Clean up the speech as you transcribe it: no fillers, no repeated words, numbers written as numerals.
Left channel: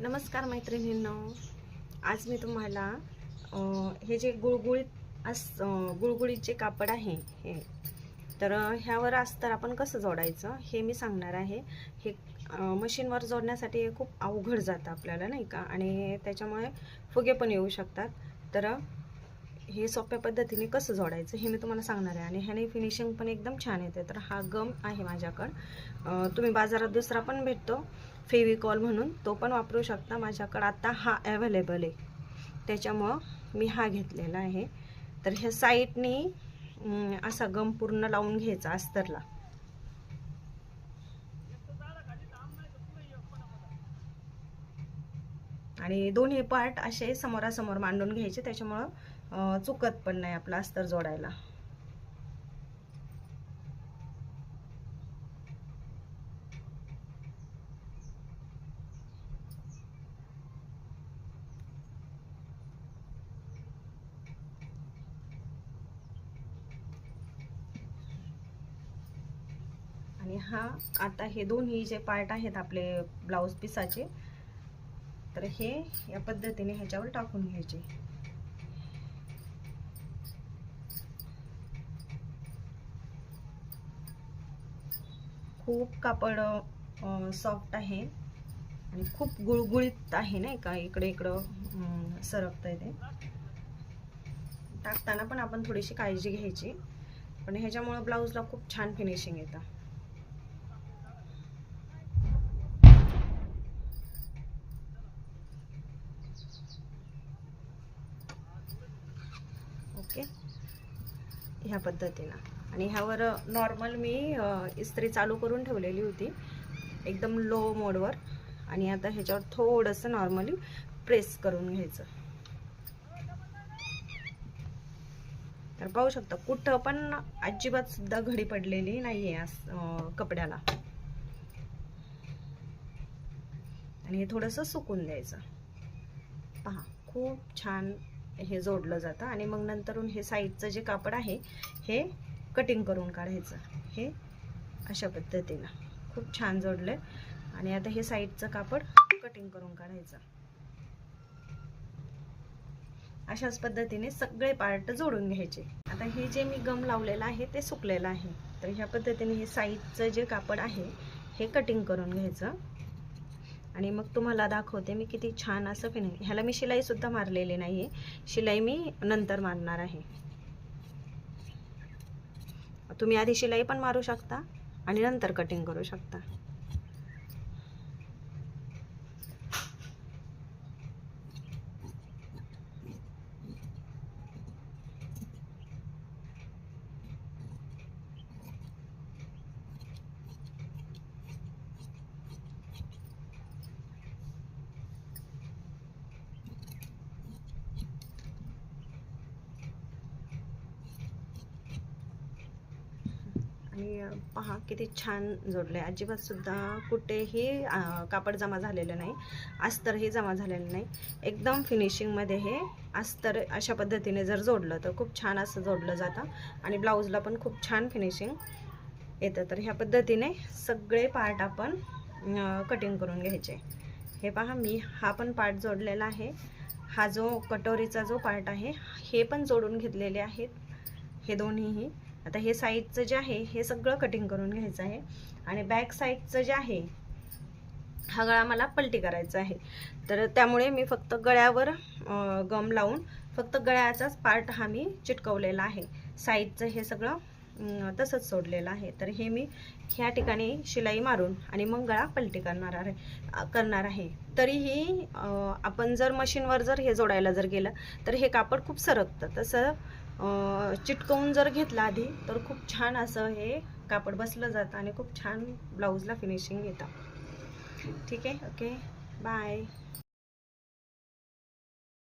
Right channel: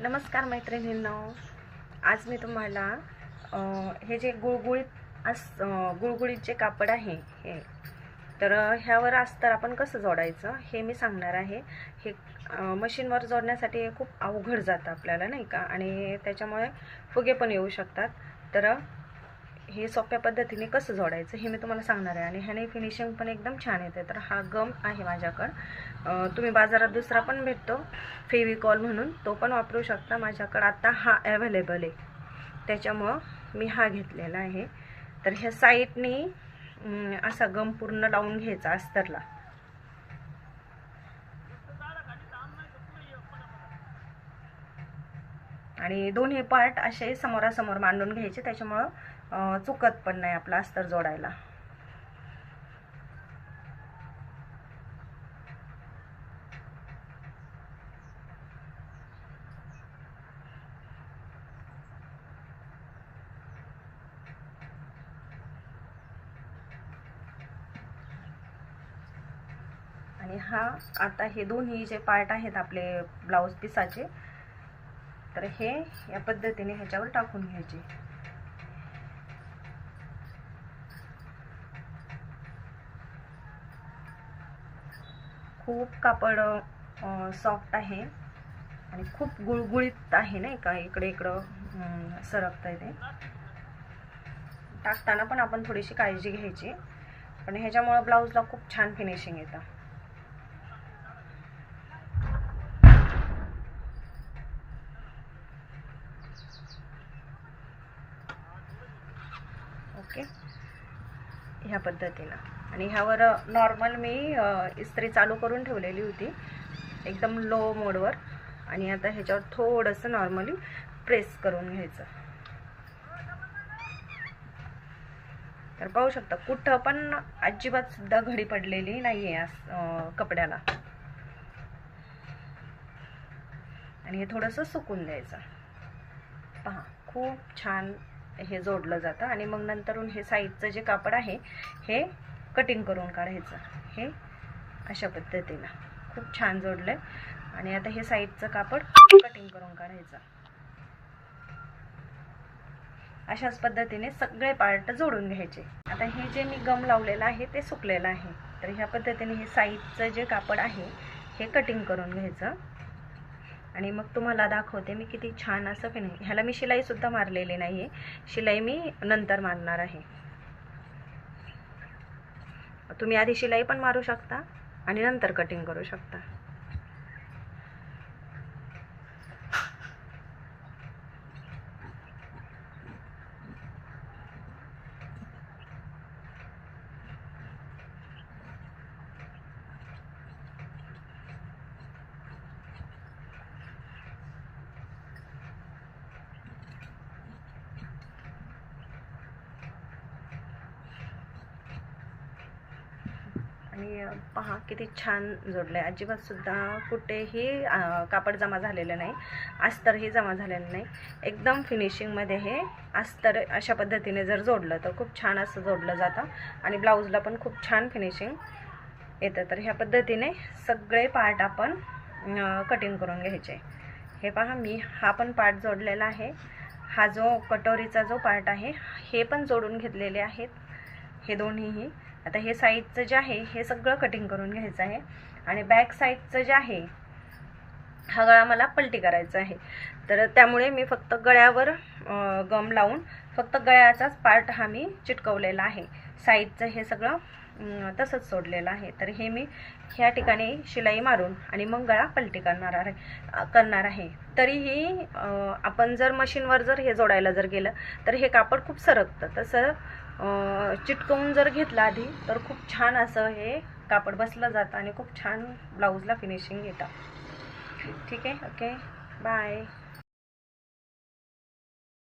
नमस्कार मैत्रिणींनो, आज मी तुम्हाला हे जे गुळगुळीत जे कापड आहे हे तर ह्यावर अस्तर आपण कसं जोडायचं हे मी सांगणार आहे। हे मशीनवर जोडण्यासाठी हे खूप अवघड जातं आपल्याला, नाही का, आणि त्याच्यामुळे फुगे पण येऊ शकतात। तर हे सोप्या पद्धतीने कसं जोडायचं हे मी तुम्हाला सांगणार आहे आणि ह्याने फिनिशिंग पण एकदम छान येते। तर हा गम आहे माझ्याकडे, तुम्ही बाजारात दुसरा पण भेटतो फेविकॉल म्हणून, तो पण वापरू शकता। माझ्याकडे आता हा अवेलेबल आहे, त्याच्यामुळं मी हा घेतलेला आहे। तर ह्या साईडनी असा गम पूर्ण लावून घ्यायचा अस्तरला, आणि दोन्ही पार्ट असे समोरासमोर मांडून घ्यायचे, त्याच्यामुळं चुकत पण नाही आपला अस्तर जोडायला। आणि हा आता हे दोन्ही जे पार्ट आहेत आपले ब्लाउज पीसाचे, तर हे या पद्धतीने ह्याच्यावर टाकून घ्यायचे। खूप कापड सॉफ्ट आहे आणि खूप गुळगुळीत आहे, नाही का, इकडे इकडं सरकतंय ते। टाकताना पण आपण थोडीशी काळजी घ्यायची, पण ह्याच्यामुळे ब्लाउजला खूप छान फिनिशिंग येतं। ओके, ह्या पद्धतीनं। आणि ह्यावर नॉर्मल मी इस्त्री चालू करून ठेवलेली होती एकदम लो मोडवर, आणि आता ह्याच्यावर थोडंसं नॉर्मली प्रेस करून घ्यायचं। तर पाहू शकता कुठं पण अजिबात सुद्धा घडी पडलेली नाही आहे कपड्याला। आणि हे थोडंसं सुकून द्यायचं। पहा, खूप छान हे जोडलं जातं। आणि मग नंतरून हे साईडचं जे कापड आहे हे कटिंग करून काढायचं। हे अशा पद्धतीनं खूप छान जोडलंय। आणि आता हे साईडचं कापड कटिंग करून काढायचं। अशाच पद्धतीने सगळे पार्ट जोडून घ्यायचे। आता हे जे मी गम लावलेलं आहे ते सुकलेलं आहे, तर ह्या पद्धतीने हे साईडचं जे कापड आहे हे कटिंग करून घ्यायचं। आणि मग तुम्हाला दाखवते मी किती छान असं फिनिशिंग। ह्याला मी शिलाई सुद्धा मारलेली नाहीये, शिलाई मी नंतर मारणार आहे। तुम्ही आधी शिलाई पण मारू शकता आणि नंतर कटिंग करू शकता। आणि पहा किती छान जोडलंय, अजिबात सुद्धा कुठेही कापड जमा झालेलं नाही, अस्तरही जमा झालेलं नाही। एकदम फिनिशिंगमध्ये हे अस्तर अशा पद्धतीने जर जोडलं तर खूप छान असं जोडलं जातं आणि ब्लाऊजला पण खूप छान फिनिशिंग येतं। तर ह्या पद्धतीने सगळे पार्ट आपण कटिंग करून घ्यायचे। हे पहा, मी हा पण पार्ट जोडलेला आहे, हा जो कटोरीचा जो पार्ट आहे हे पण जोडून घेतलेले आहेत हे दोन्हीही। आता हे साईडचं जे आहे हे सगळं कटिंग करून घ्यायचं आहे। आणि बॅक साईडचं जे आहे हा गळा मला पलटी करायचा आहे, तर त्यामुळे मी फक्त गळ्यावर गम लावून फक्त गळ्याचाच पार्ट हा मी चिटकवलेला आहे। साईडचं हे सगळं तसंच सोडलेलं आहे। तर हे मी ह्या ठिकाणी शिलाई मारून आणि मग गळा पलटी करणार आहे। तरीही आपण जर मशीनवर जर हे जोडायला जर गेलं तर हे कापड खूप सरकतं, तसं चिटकवून जर घेतलं आधी तर खूप छान असं हे कापड बसलं जातं आणि खूप छान ब्लाऊजला फिनिशिंग येतं। ठीक आहे, ओके, बाय।